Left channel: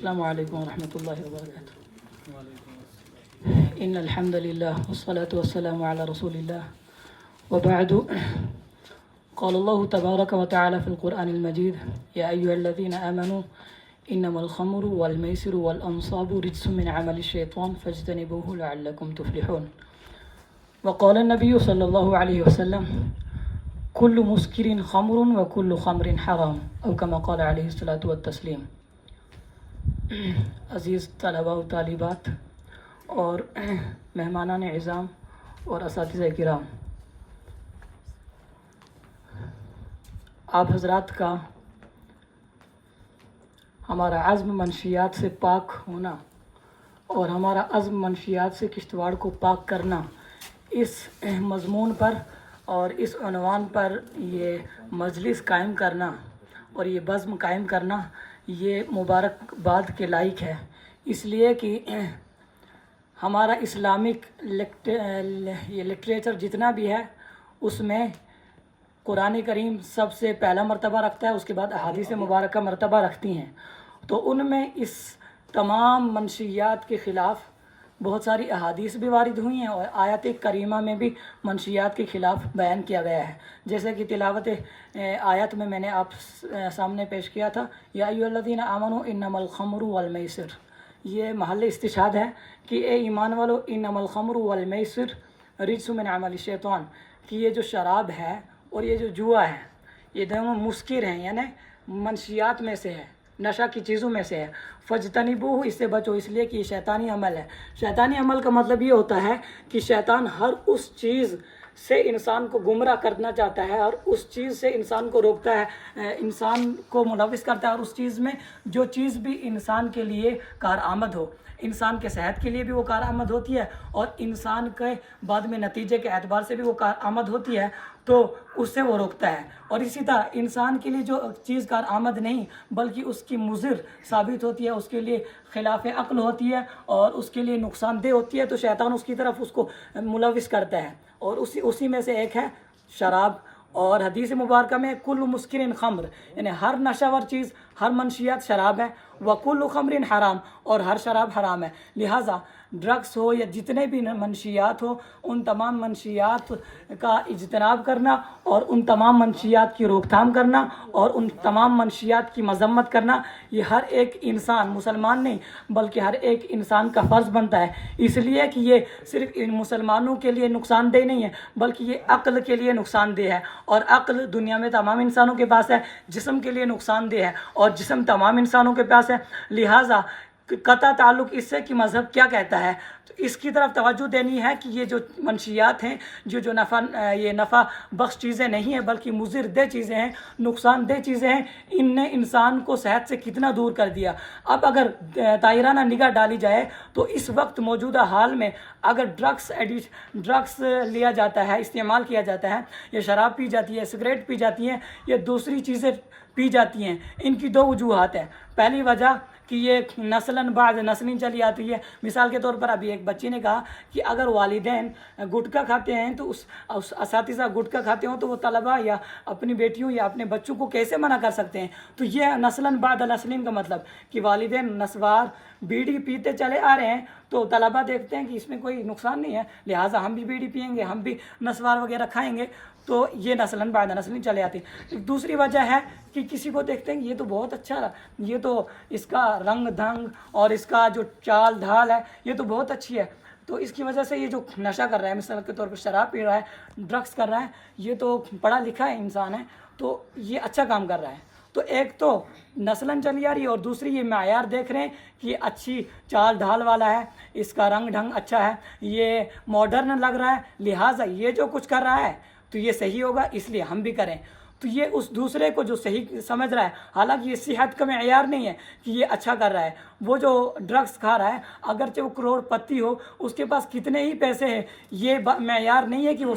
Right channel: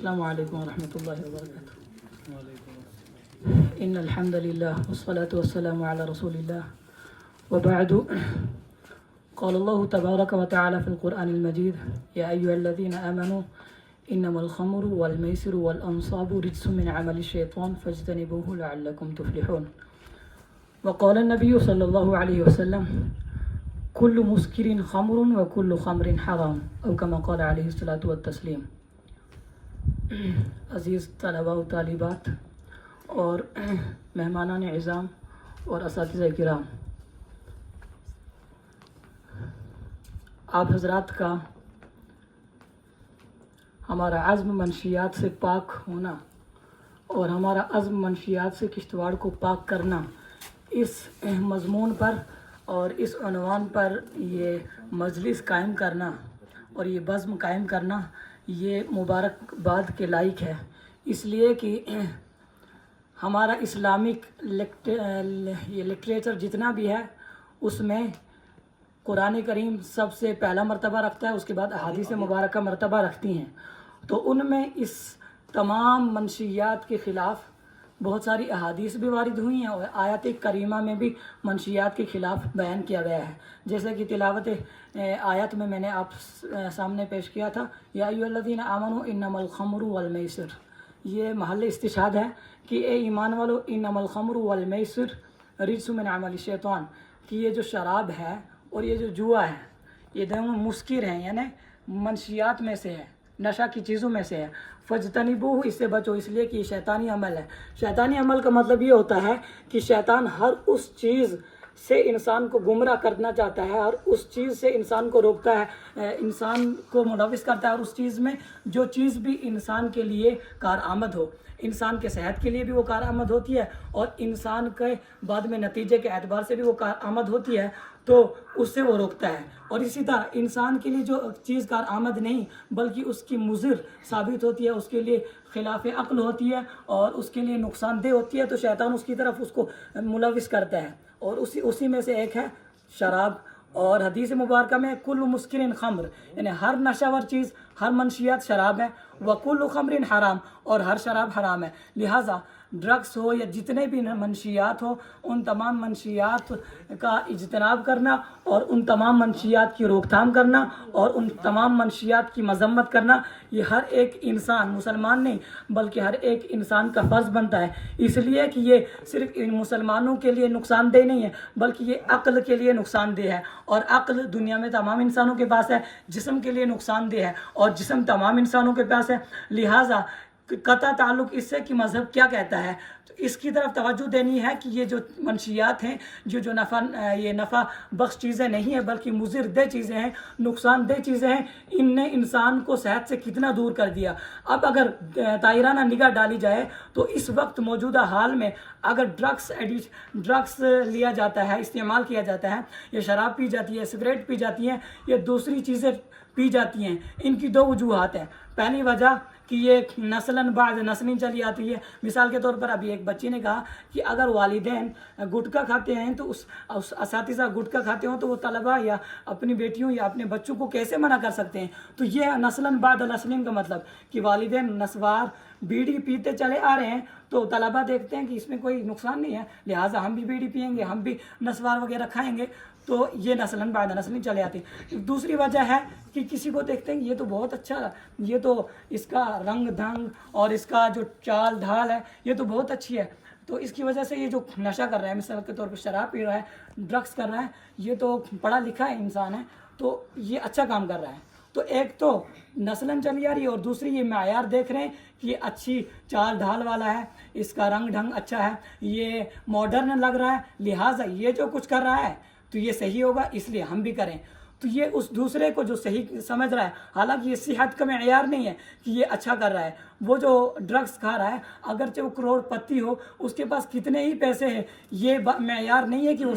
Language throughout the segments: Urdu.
السلام علیکم ورحمۃ اللہ وبرکاتہ۔ ان الحمد للہ والصلاة والسلام علی رسول اللہ وبعد، قال اللہ تبارک وتعالی فی القرآن المجید یا ایھا الذین آمنوا انما الخمر والمیسر والانصاب رجس من عمل الشیطان فاجتنبوه لعلکم تفلحون۔ وقال النبی صلی اللہ علیہ وسلم کل مسکر خمر وکل خمر حرام او کما قال علیہ الصلاۃ والتسلیم۔ عزیز طلباء و طالبات اور مہمانان عظام اور اساتذہ کرام، آپ حضرات کا ہمارا عزم منشیات سے پاک ہونا اور ہمارا عزم منشیات سے کشتواڑ کو پاک کرنا، اس مضمون پر اور اس عنوان پر یہ مجلس قائم کرنا اور یہ بزم قائم کرنا یہ مبارکباد کے لائق ہے، اس لیے کہ ہمارا اسلامک یہ لٹریچر جتنا بھی ہے اس میں قرآن کریم سب سے پہلا مرتبہ رکھتا ہے، اس کے بعد احادیث مبارکہ مرتبہ رکھتی ہیں، تو ان میں اس تمام منشیات کے خلاف بہت ساری احادیث بھی وارد ہوئی ہیں اور آیات کریمہ میں بھی منشیات کے خلاف بیان کیا گیا ہے، جیسے کہ تلاوت آیت میں نے آپ سامنے پیش کیا تھا یا ایھا الذین آمنوا انما الخمر والمیسر، یہ محل استشہاد ہے کہ اے ایمان والو انما الخمر والمیسر رجس من عمل الشیطان، کہ یہ جو شراب ہے اور یہ جو جوا ہے یہ دونوں مسکر ہیں، یعنی منشیات میں سے ہے، نشہ کی چیزوں میں سے ہے، فجتنبوہ، اس سے بچو، اس لیے کہ یہ شیطانی عمل ہے۔ شیطانی عمل کا مطلب یہ ہوتا ہے کہ شیطان ہر اس چیز سے انسان کو گمراہ کرنا چاہتا ہے اور اس چیز سے انسان کو روکتا ہے، انسان کو ملوث کرتا ہے، اور اس چیز میں جو چیز بھی انسان کے لیے کارآمد ہو، انسان کے صحت کے لیے بھی وہ کارآمد ہوتی ہے اور انسان کے بعد میں نتیجے کے اعتبار سے بھی وہ کارآمد ہوتی ہے، تو اس سے وہ روکتا ہے۔ اور اسی طرح انسان کے لیے جو چیز کارآمد نہیں بلکہ اس کی مضر ثابت ہوتی ہے، اس کے لیے خلاف عقل ہوتی ہے اور اس کے لیے نقصان دہ ہوتی ہے، تو شیطان اس کی طرف اس کو ملوث کرتا ہے، اور اسی میں سے ایک ہے شراب۔ اور حدیث مبارکہ میں کل مسکر خمر، یعنی ہر نشہ ور چیز، ہر منشیات شراب ہے، وکل خمر حرام، اور ہر شراب حرام ہے، لہٰذا ڈرگس ہو یا جتنے بھی منشیات ہو، ان تمام منشیات کا اجتناب کرنا اور ان تمام منشیات کی روک تھام کرنا اور ان تمام منشیات کی مذمت کرنا، یہ ہر ایک انسان، مسلمان نہیں بلکہ ہر ایک انسان کا فرض بنتا ہے، اس لیے کہ یہ صرف ان مسلمانوں کے لیے نقصان دہ نہیں ہے بلکہ یہ عقل کے لیے نقصان دہ ہے، اور عقل دنیا میں تمام انسانوں کے پاس ہے، جسم کے لیے نقصان دہ ہے اور جسم تمام انسانوں کے پاس ہے، لہٰذا قطع تعلق اس سے کہ مذہب کیا کہتا ہے، تو اس کی طرف توجہ دینی ہے کہ یہ جو منشیات ہیں جو نفع بخش چیزیں نہیں ہیں بلکہ مضر دہ چیزیں ہیں، نقصان دہ چیزیں ہیں، ان نے انسان کو صحت سے کتنا دور کر دیا۔ اب اگر دائرانہ نگاہ ڈالی جائے تو اس وقت موجودہ حال میں اگر ڈرگس لیا جاتا ہے، استعمال کیا جاتا ہے، یہ شراب پی جاتی ہے، سگریٹ پی جاتی ہیں، یہ دوسری چیزیں پی جاتی ہیں، ان کی دو وجوہات ہیں۔ پہلی وجہ کہ یہ نسلاً بعد نسلیں چلی آتی ہے، مثال کے طور پر ابھی ایک بچی نے کہا کہ اگر والدین گٹکا کھاتے ہیں تو اس اساتذہ گٹکا کھاتے ہوں تو وہ طلباء یا اپنی بیٹیوں یا اپنے بچوں کو کیسے منع کر سکتے ہیں، تو یہ نسلاً بعد نسلیں کا مطلب کہ والدین نسوار بیڑی پیتے چلے آ رہے ہیں تو طلباء دیکھتے ہیں کہ اس میں کوئی نقصان نہیں ہے، لہٰذا ہم بھی بیڑی پئیں گے، ہم بھی نسوار وغیرہ کھائیں گے، تو یہ نسلاً بعد نسلیں چلے آتی ہیں۔ دوسری وجہ ہے کہ کسی کو دیکھتے ہیں یہ تو بہت اچھا، یہ تو اس کا رنگ دھنگ اور اس کا جو چال ڈھال ہے یہ تو بہت اچھی ہے، تو اس کی وجہ سے یہ جو نشہ کر رہا ہے، مثال کے طور پر شراب پی رہا ہے، ڈرگس کر رہا ہے، یہ تو پڑھا لکھا ہے انسان ہے تو یہ اچھا کام کر رہا ہے، تو ایک تو نسلاً چلی آ رہی ہے اور دوسری یہ معیار دیکھ رہے ہیں کہ یہ اچھی چال ڈھال والا ہے، اس کا رنگ ڈھنگ اچھا ہے، یہ ماڈرن لگ رہا ہے، لہٰذا یہ جو کچھ کر رہا ہے تو یہ صحیح ہوگا، اس لیے ہم بھی کریں، تو یہ اس دوسرے کو جو صحیح سمجھ رہا ہے، حالانکہ یہ صحت کا معیار نہیں ہے کہ یہ اچھا کر رہا ہے، وہ جو ڈرگس کھا رہا ہے اگرچہ وہ کروڑ پتی ہو، اس کے پاس کتنے ہی پیسے ہیں، یہ معیار نہیں ہے کہ وہ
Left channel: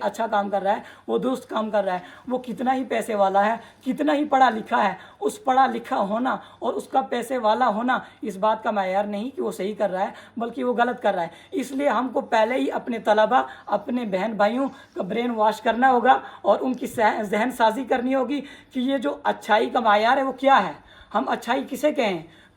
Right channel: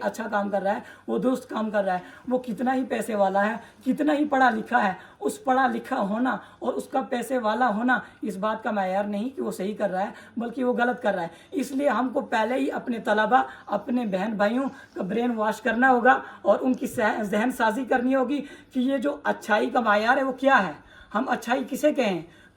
اچھا کام کر رہا ہے، وہ درست کام کر رہا ہے، وہ کتنا ہی پیسے والا ہے، کتنا ہی پڑھا لکھا ہے، اس پڑھا لکھا ہونا اور اس کا پیسے والا ہونا اس بات کا معیار نہیں کہ وہ صحیح کر رہا ہے بلکہ وہ غلط کر رہا ہے، اس لیے ہم کو پہلے ہی اپنے طلباء، اپنے بہن بھائیوں کا برین واش کرنا ہوگا اور ان کی ذہن سازی کرنی ہوگی کہ یہ جو اچھائی کا معیار ہے وہ کیا ہے، ہم اچھائی کسے کہیں،